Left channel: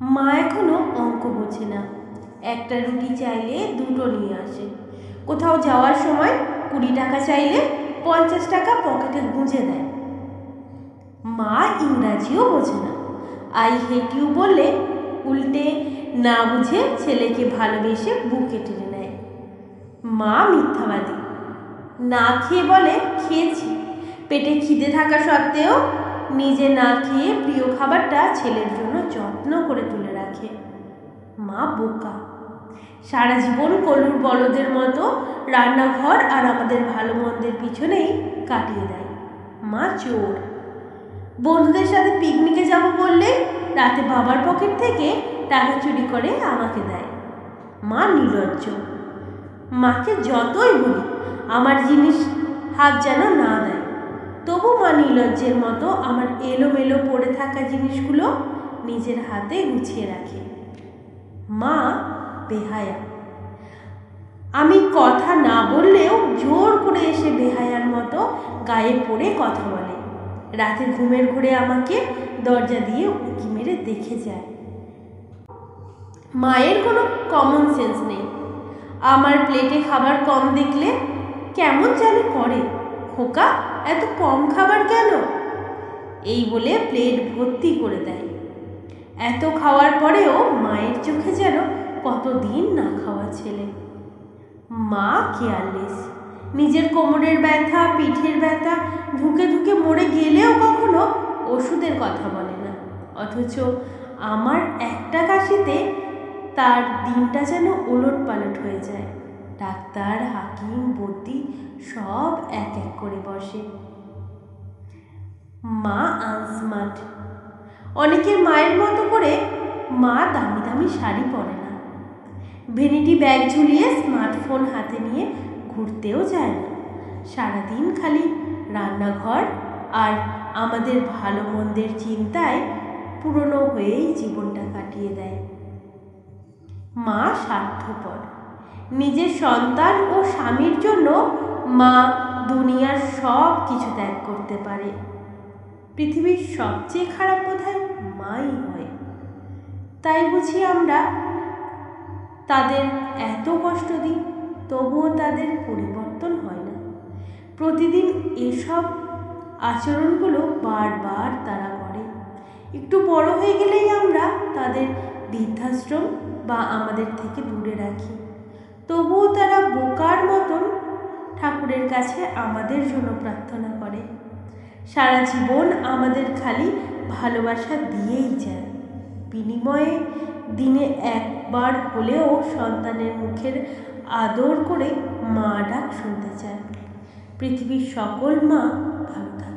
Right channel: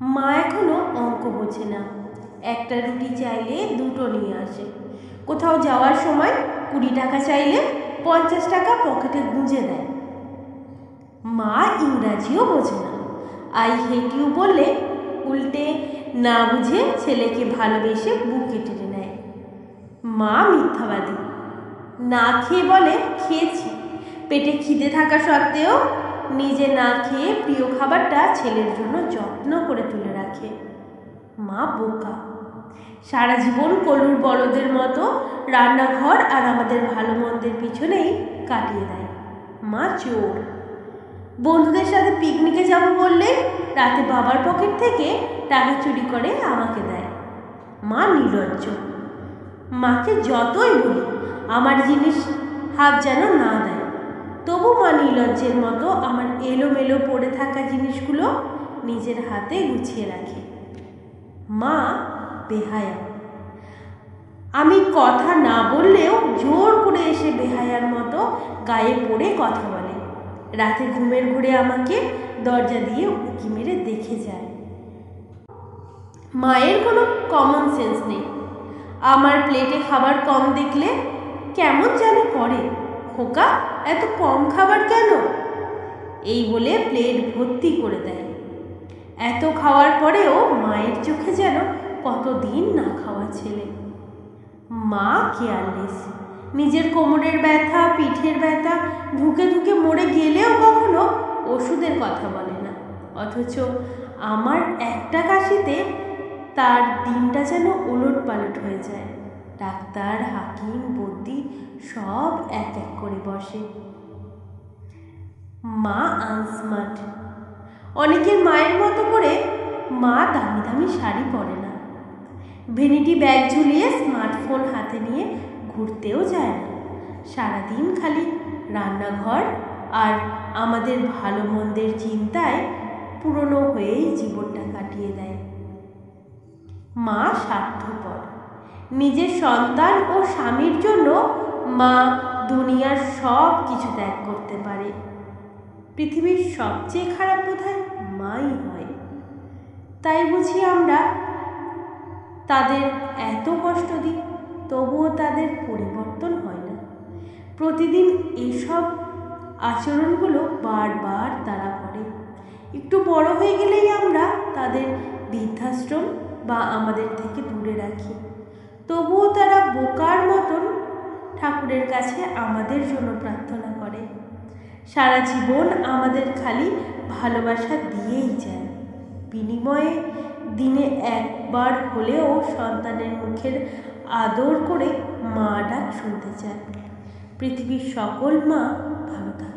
মা এখনো অঙ্ক বোঝে না, একটা রুটি চাইলে দুটো নিয়ে আসে। কোথাও যাওয়ার সময় 20 টাকা চাইলে 50 টাকা পকেটে গুঁজে দেয়। মা ইংরাজিও বোঝে না, আই হেট ইউ বললে উল্টে না বুঝে ছেলেকে ভালোবেসে বুকে টেনে নেয়। মা মিথ্যাবাদী, না খেয়ে বলে খেয়েছি, পেটে খিদে থাকা সত্ত্বেও নিজে না খেয়ে প্রিয় খাবারটা ছেলের জন্য যত্ন করে তুলে রাখে। মা বোকা, সারা জীবন কলুর বলদের মতো রান্নাঘর আর আমাদের ভালো মন্দের পিছনেই কাটিয়ে দেয়। মা চোর, বন্ধুদের সাথে পিকনিকে যাব বললে রাতে বাবার পকেট থেকে টাকা চুরি করে আমাকে দেয়। মা নির্লজ্জ, মাকে যতই বলি আমার জিনিস হাত যেন না দেয়, তবু মা নির্লজ্জের মতো আমার এলোমেলো পড়ে থাকা জিনিসগুলো নিজের হাতে গুছিয়ে রাখে। মা বেহায়া, আমি কথা না বললেও জোর করে এসে বেহায়ার মতো গায়ে পড়ে কথা বলে। রাতে ঘুমের ঘোরে আমাকে দরজা দিয়ে উঁকি মেরে দেখে যায়। মায়ের কোনো কমন সেন্স নেই, আমার প্লেটে খাবার কম দেখলে কেমন জানে করে, খোকা এত কম খাবার কেন, এই বলে প্লেট ভর্তি করে দেয়। এত খাওয়ার পরেও মায়ের চোখে যেন কতদিন না খাওয়া ছেলে। মা কেয়ারলেস, নিজের কোমরের ব্যথা পিঠের ব্যথা ধুকে ধুকে মরে গেলেও কখনো ওষুধের কথা বলে না, অথচ আমার একটা কাশিতে তার দিনটা যেন ওলট পালট হয়ে যায়। ডাক্তার হাকিম বদ্যি সব এক এক করে বসে। মা আনস্মার্ট, অনেকের মায়ের মতো করে মা দামি দামি শাড়ি পরে না, ভ্যানিটি ব্যাগ ঝুলিয়ে স্মার্টফোন হাতে নিয়ে ঘুরতেও যায় না, সারাদিন খালি রান্নাঘর আর আমাদের ভালো মন্দের চিন্তায় পুরনো হয়েই জীবনটা কাটিয়ে দেয়। মা স্বার্থপর, নিজের সন্তান ও স্বামীর জন্য মা দুনিয়ার সব কিছু ত্যাগ করতে পারে। পৃথিবীর সবচেয়ে খারাপ বোধহয় মাই হয়, তাই বুঝি আমরা তাদের এত কষ্ট দিই, তবুও তাদের পরিবর্তন হয় না। প্রতিদিন এসব আচরণগুলো বারবার তারা করে। একটু বড় হয়ে গেলেই আমরা তাদের বৃদ্ধাশ্রম বা আমাদের থেকে দূরে রাখি, তবুও তারা বোকার মতন ঠাকুরের কাছে আমাদের জন্য প্রার্থনা করে। সারা জীবন আমাদের খালি ভালোবাসা দিয়েই যায়, বিনিময়ে দিনে একবার হলেও সন্তানের মুখের আদর করে মা ডাক শুনতে চায়। পৃথিবীর সকল মা ভালো থাকে।